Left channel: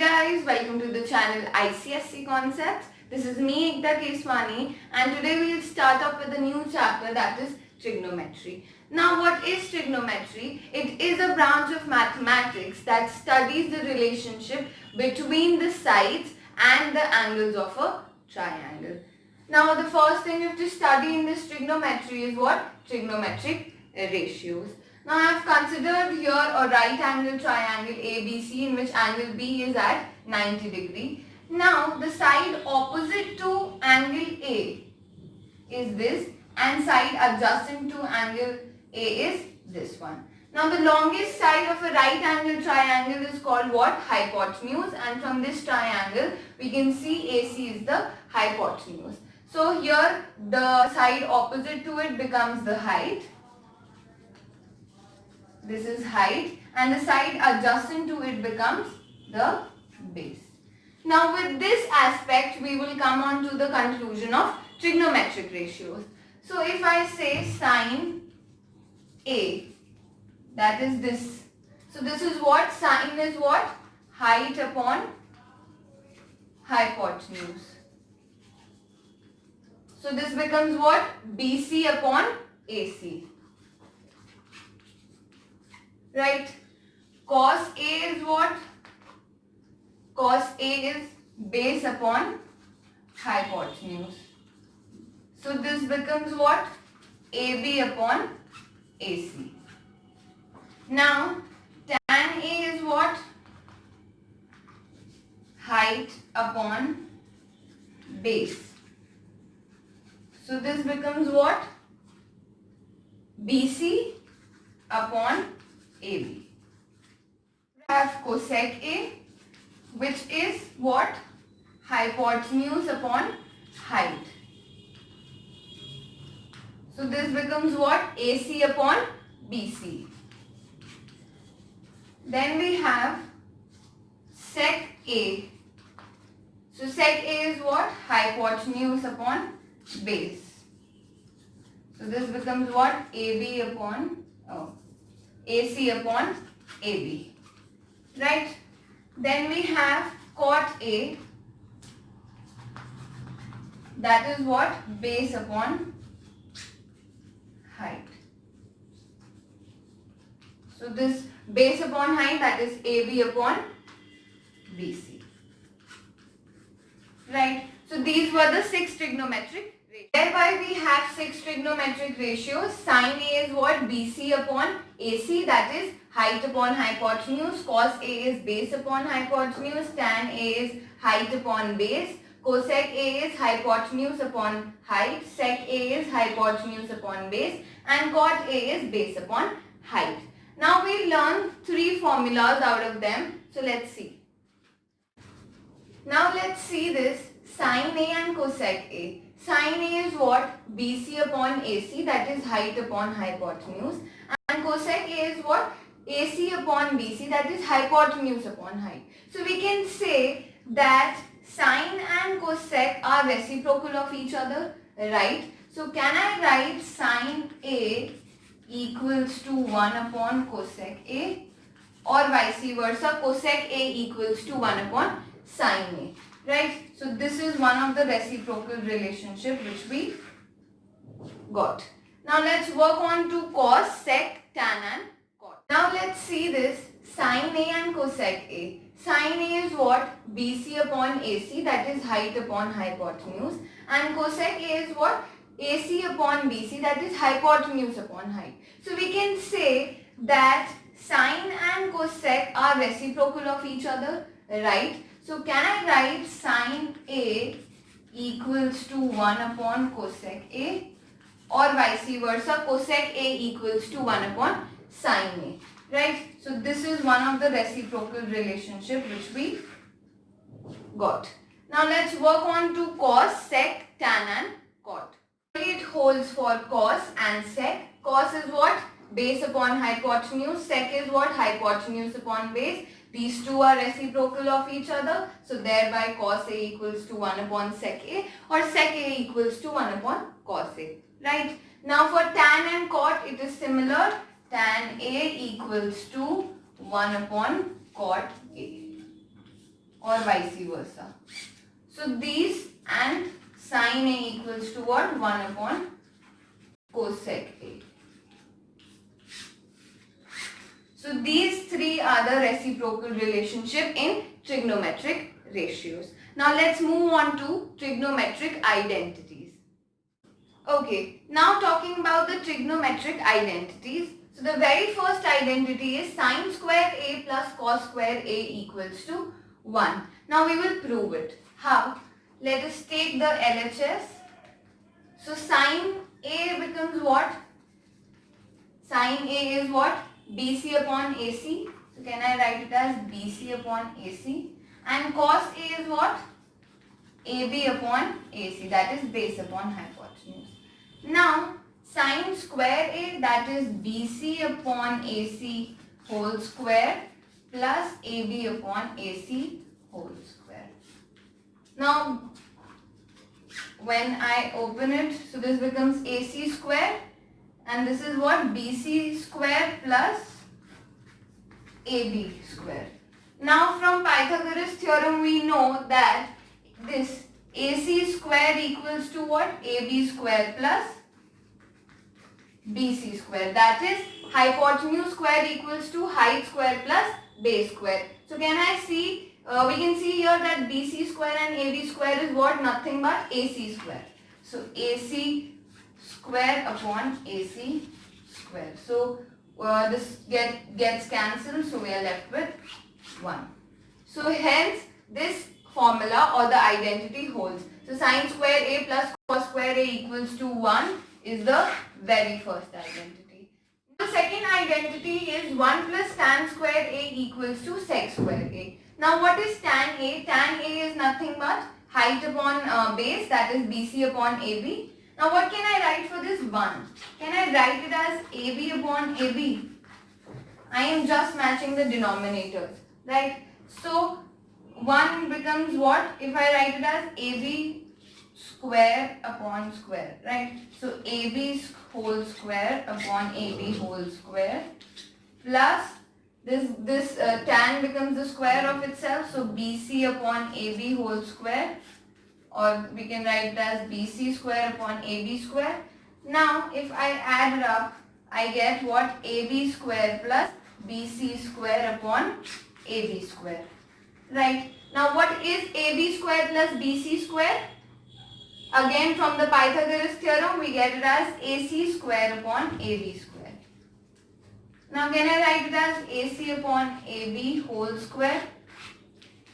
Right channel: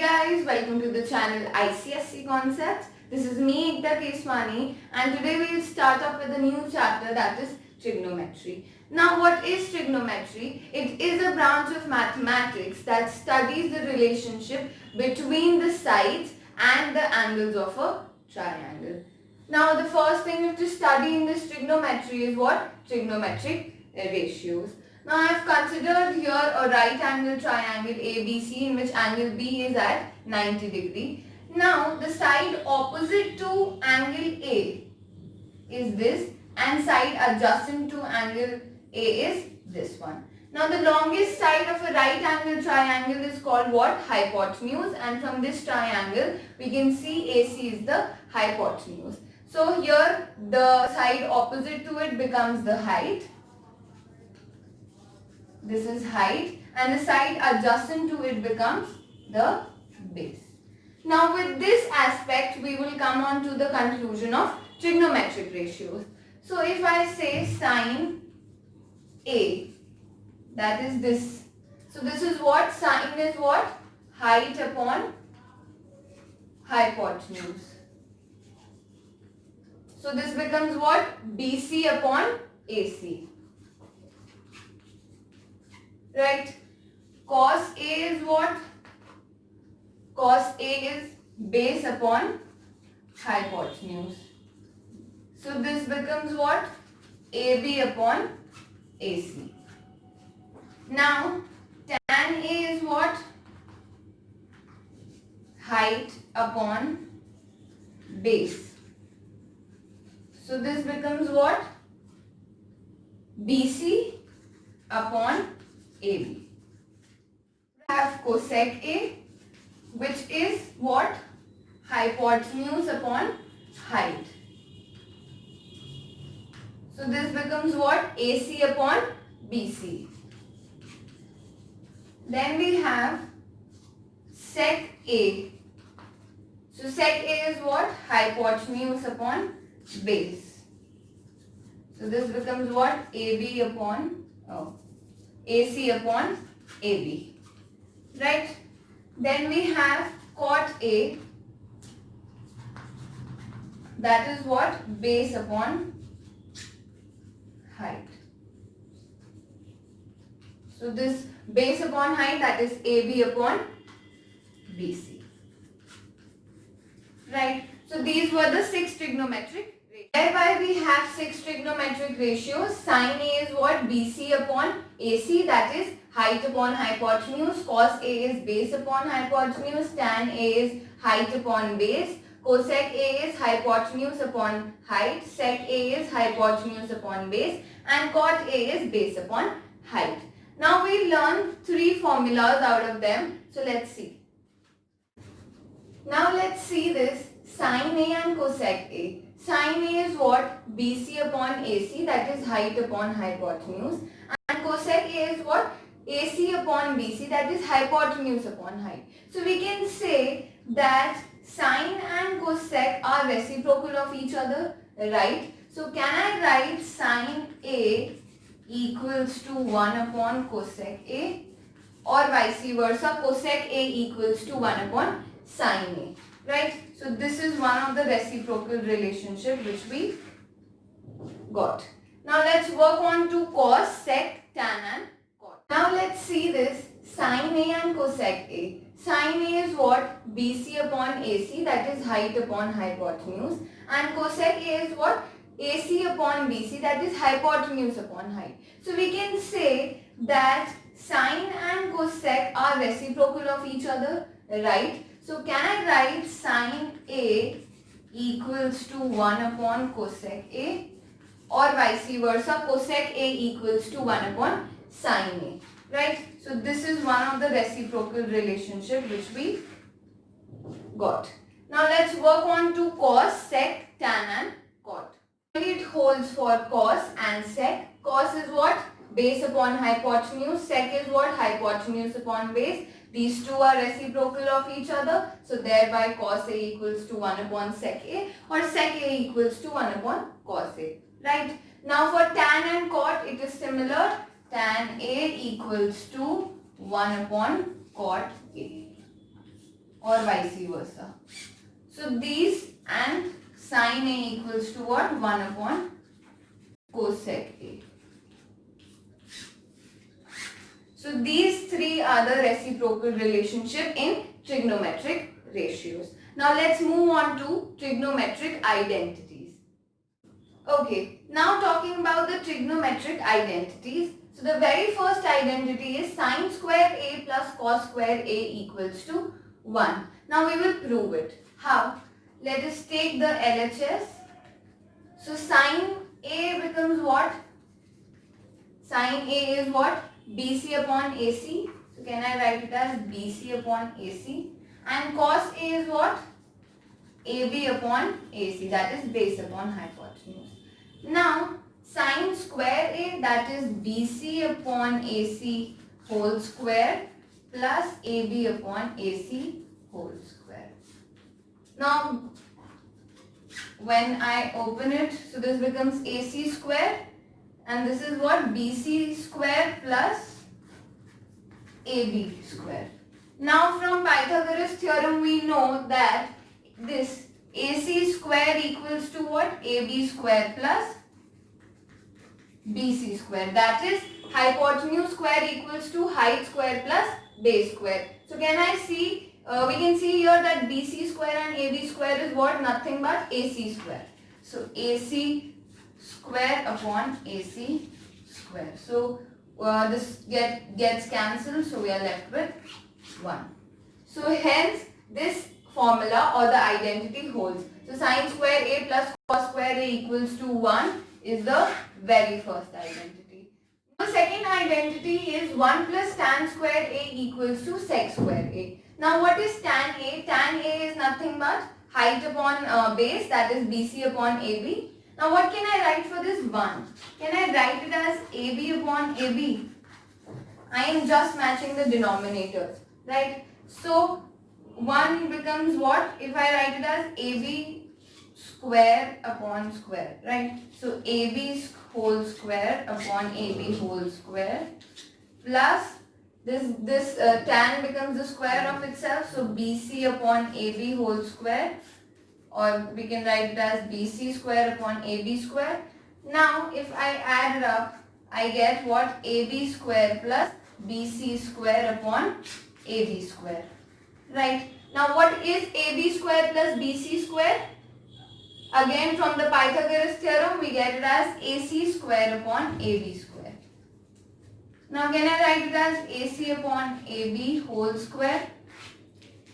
Guys, welcome to the channel ICSC Concepts. This is me Ekta Keswani and today we'll start off with a new chapter, that is trigonometry. Now what is trigonometry? It is a branch of mathematics that studies the relationship between the sides and the angles of a triangle. Now the first thing you have to study in this trigonometry is what? Trigonometric ratios. Now I have considered here a right angle triangle ABC in which angle B is at 90 degree. Now the side opposite to angle A is this and side adjacent to angle A is this one. Now the longest side of a right angle triangle is called what? Hypotenuse, and from this triangle we can see AC is the hypotenuse. So here the side opposite to it becomes the height. This is height, and the side adjacent to it becomes the base. Now with this aspect we will come on to the conclusion of trigonometric ratios. So if I say sine A, that is this. So this is what? Sine is what? Height upon hypotenuse. So this becomes what? BC upon AC. Right? Cos A is what? Cos A is base upon hypotenuse. So this becomes what? AB upon AC. Now tan A is what? Height upon base. So this becomes what? BC upon AB. We have cosec A, which is what? Hypotenuse upon height. So this becomes what? AC upon BC. Then we have sec A. So sec A is what? Hypotenuse upon base. So this becomes what? AB upon AC upon AB. Right? Then we have cot A. That is what? Base upon height. So this base upon height, that is AB upon BC. Right? So these were the 6 trigonometric. Thereby we have 6 trigonometric ratios. Sin A is what? BC upon AC, that is height upon hypotenuse. Cos A is base upon hypotenuse. Tan A is height upon base. Cosec A is hypotenuse upon height. Sec A is hypotenuse upon base. And cot A is base upon height. Now we learn 3 formulas out of them. So let's see. Now let's see this sin A and cosec A. Sin A is what? BC upon AC, that is height upon hypotenuse. And cosec A is what? AC upon BC, that is hypotenuse upon height. So we can say that sin and cosec are reciprocal of each other, right? So can I write sin A equals to 1 upon cosec A, or vice versa, cosec A equals to 1 upon sin A, right? So this is one of the reciprocal relationship which we got. Now let's work on to cos, sec, tan and cot. Now let's see this sin A and cosec A. Sin A is what? BC upon AC, that is height upon hypotenuse. And cosec A is what? AC upon BC, that is hypotenuse upon height. So we can say that sin and cosec are reciprocal of each other, right? So can I write sin A equals to 1 upon cosec A, or vice versa, cosec A equals to 1 upon sin A, right? So this is one of the reciprocal relationship which we got. Now let's work on to cos, sec, tan and cot. It holds for cos and sec. Cos is what? Base upon hypotenuse. Sec is what? Hypotenuse upon base. These two are reciprocal of each other. So thereby cos A equals to 1 upon sec A, or sec A equals to 1 upon cos A. Right? Now for tan and cot it is similar. Tan A equals to 1 upon cot A. or vice versa. So these and sine A equals to what? 1 upon cosec A. So these three are the reciprocal relationship in trigonometric ratios. Now let's move on to trigonometric identities. Okay, now talking about the trigonometric identities. So the very first identity is sine square A plus cos square A equals to 1. Now we will prove it. How? Let us take the LHS. So sine A becomes what? Sine A is what? BC upon AC. So can I write it as BC upon AC? And cos A is what? AB upon AC, that is base upon hypotenuse. Now sine square A, that is BC upon AC whole square plus AB upon AC whole square. Now when I open it, so this becomes AC square and this is what? BC square plus AB square. Now from Pythagoras theorem we know that this AC square equals to what? AB square plus BC square. That is hypotenuse square equals to height square plus base square. So can I see, we can see here that BC square and AB square is what? Nothing but AC square. So AC square upon AC square. So this gets cancelled, so we are left with 1. So hence this formula or the identity holds. So sine square A plus cos square A equals to 1 is the very first identity. The second identity is 1 plus tan square A equals to sec square A. Now what is tan A? Tan A is nothing but height upon base, that is BC upon AB. Now what can I write for this 1? Can I write it as AB upon AB? I am just matching the denominators, right? So 1 becomes what? If I write it as AB square upon square, right? So AB whole square upon AB whole square plus this tan becomes the square of itself. So BC upon AB whole square, or we can write it as BC square upon AB square. Now if I add it up, I get what? AB square plus BC square upon AB square. Right. Now what is AB square plus BC square? Again from the Pythagoras theorem we get it as AC square upon AB square. Now can I write it as AC upon AB whole square?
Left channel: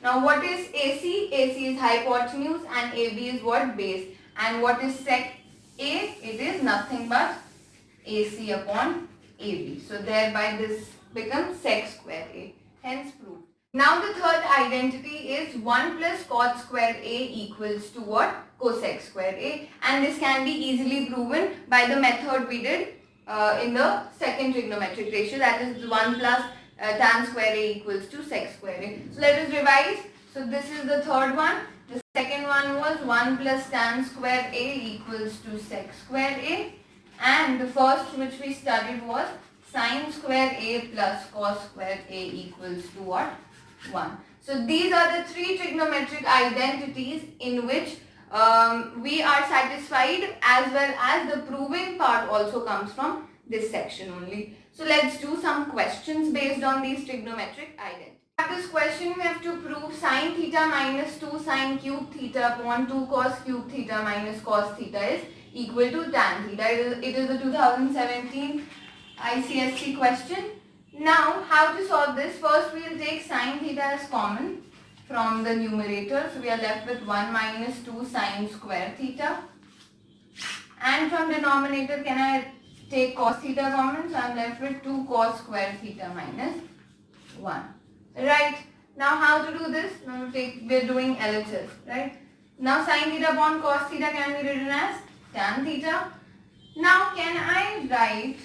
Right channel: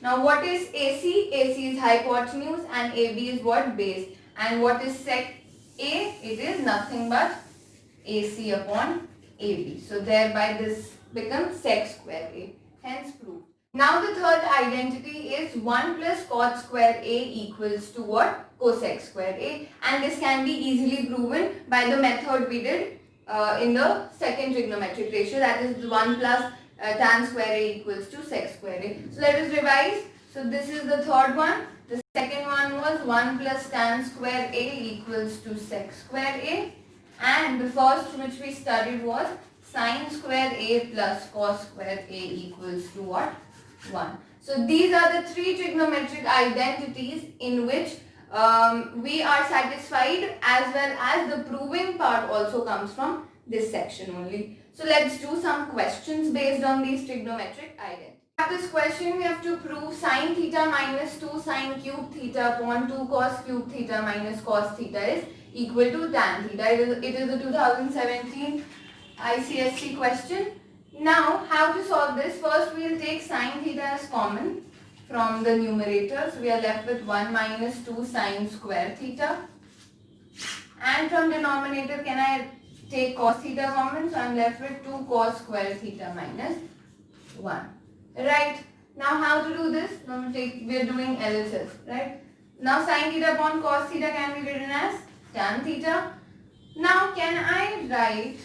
Now what is AC? AC is hypotenuse and AB is what? Base. And what is sec A? It is nothing but AC upon AB. So thereby this becomes sec square A. Hence proved. Now the third identity is 1 plus cot square A equals to what? Cosec square A, and this can be easily proven by the method we did in the second trigonometric ratio, that is 1 plus tan square A equals to sec square A. So let us revise. So this is the third one. The second one was 1 plus tan square A equals to sec square A, and the first which we studied was sin square A plus cos square A equals to what? 1. So these are the three trigonometric identities in which we are satisfied, as well as the proving part also comes from this section only. So let's do some questions based on these trigonometric identities. For this question we have to prove sin theta minus 2 sin cube theta upon 2 cos cube theta minus cos theta is equal to tan theta. It is the 2017 ICSE question. Now how to solve this? First we will take sin theta as common from the numerator. So we are left with 1 minus 2 sin square theta. And from denominator can I take cos theta common? So I am left with 2 cos square theta minus 1. Right. Now how to do this? Now we are doing LHS. Right. Now sin theta upon cos theta can be written as tan theta. Now can I write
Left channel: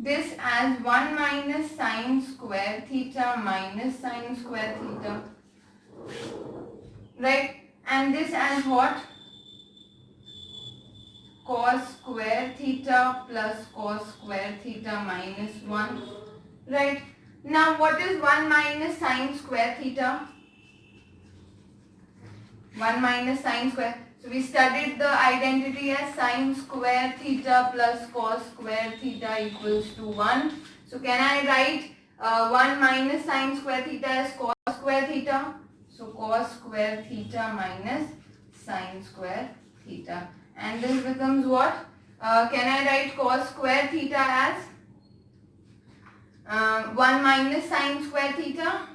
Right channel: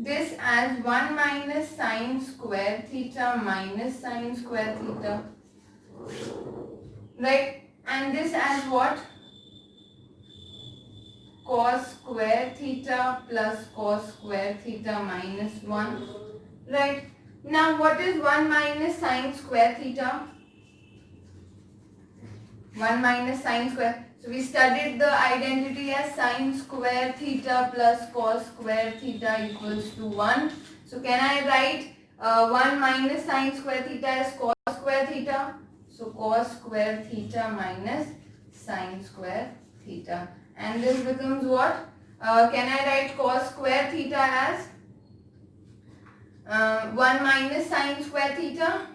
this as 1 minus sin square theta minus sin square theta, right? And this as what? Cos square theta plus cos square theta minus 1, right? Now what is 1 minus sin square theta? 1 minus sine square. So we studied the identity as sine square theta plus cos square theta equals to 1. So can I write 1 minus sine square theta as cos square theta? So cos square theta minus sine square theta. And this becomes what? Can I write cos square theta as 1 minus sine square theta?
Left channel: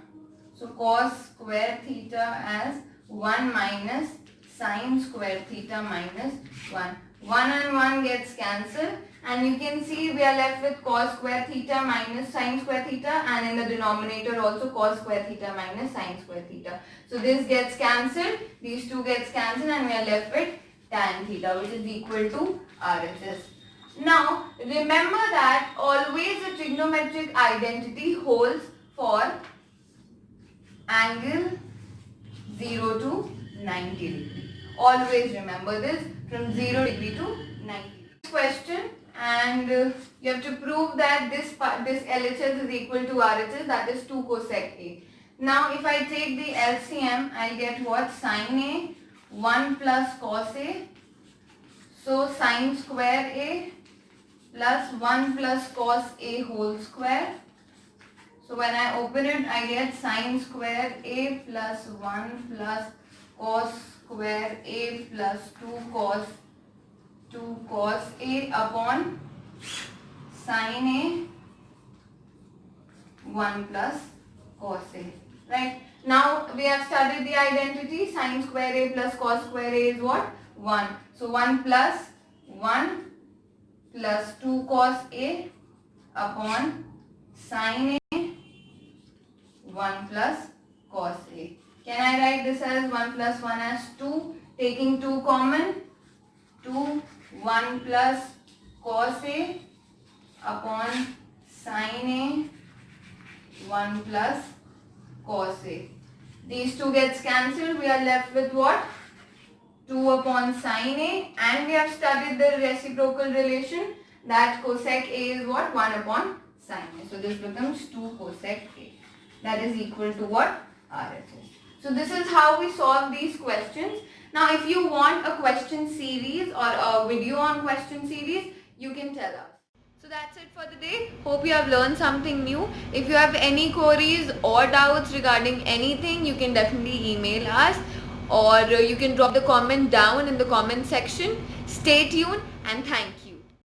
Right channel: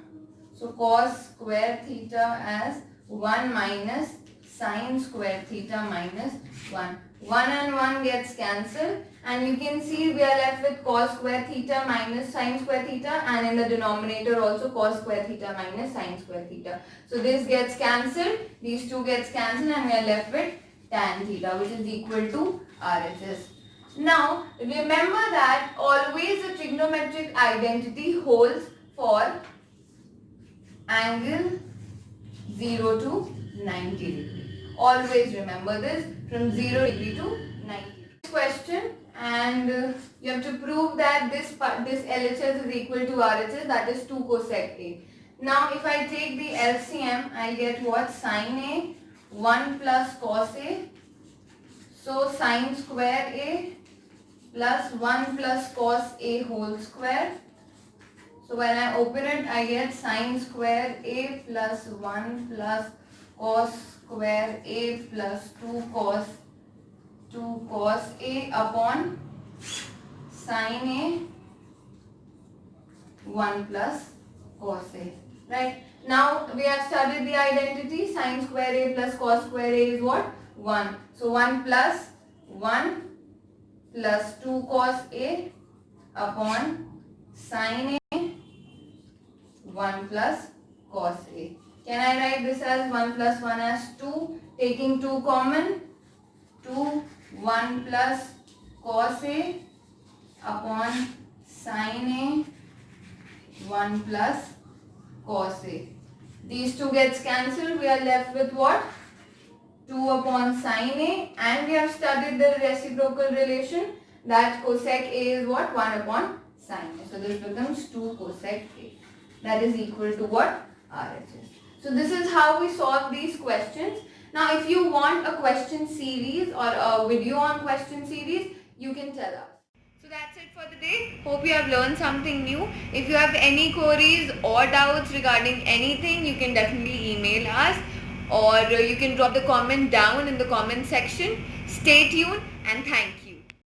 So cos square theta as 1 minus sine square theta minus 1. 1 and 1 gets cancelled, and you can see we are left with cos square theta minus sine square theta, and in the denominator also cos square theta minus sine square theta. So this gets cancelled, these two gets cancelled, and we are left with tan theta, which is equal to RHS. Now remember that always a trigonometric identity holds for angle 0 to 90 degree. Always remember this, from 0 degree to 90. Question, and you have to prove that this LHS is equal to RHS, that is 2 cosec A. Now if I take the LCM, I get what? Sin A 1 plus cos A. So sin square A plus 1 plus cos A whole square. So when I open it, I get sin square A plus 1 plus cos square A plus 2 cos A upon sin A 1 plus cos A. Right? Now we have studied the identity. Sin square A plus cos square A is what? 1. So 1 plus 1 plus 2 cos A upon sin A 1 plus cos A. Can I write this as 1 plus 1 as 2? Taking 2 common, 2, 1 plus cos A upon sin A 1 plus cos A. These two gets cancelled. We are left with what? 2 upon sin A, and we have studied the reciprocal relation that cosec A is what? 1 upon sin A. So this becomes 2 cosec A. That is equal to what? RHS. So this is how we solve these questions. Now if you want a question series or a video on question series, you can tell us. So that's it for the day. Hope you have learned something new. If you have any queries or doubts regarding anything, you can definitely email us, or you can drop the comment down in the comment section. Stay tuned and thank you.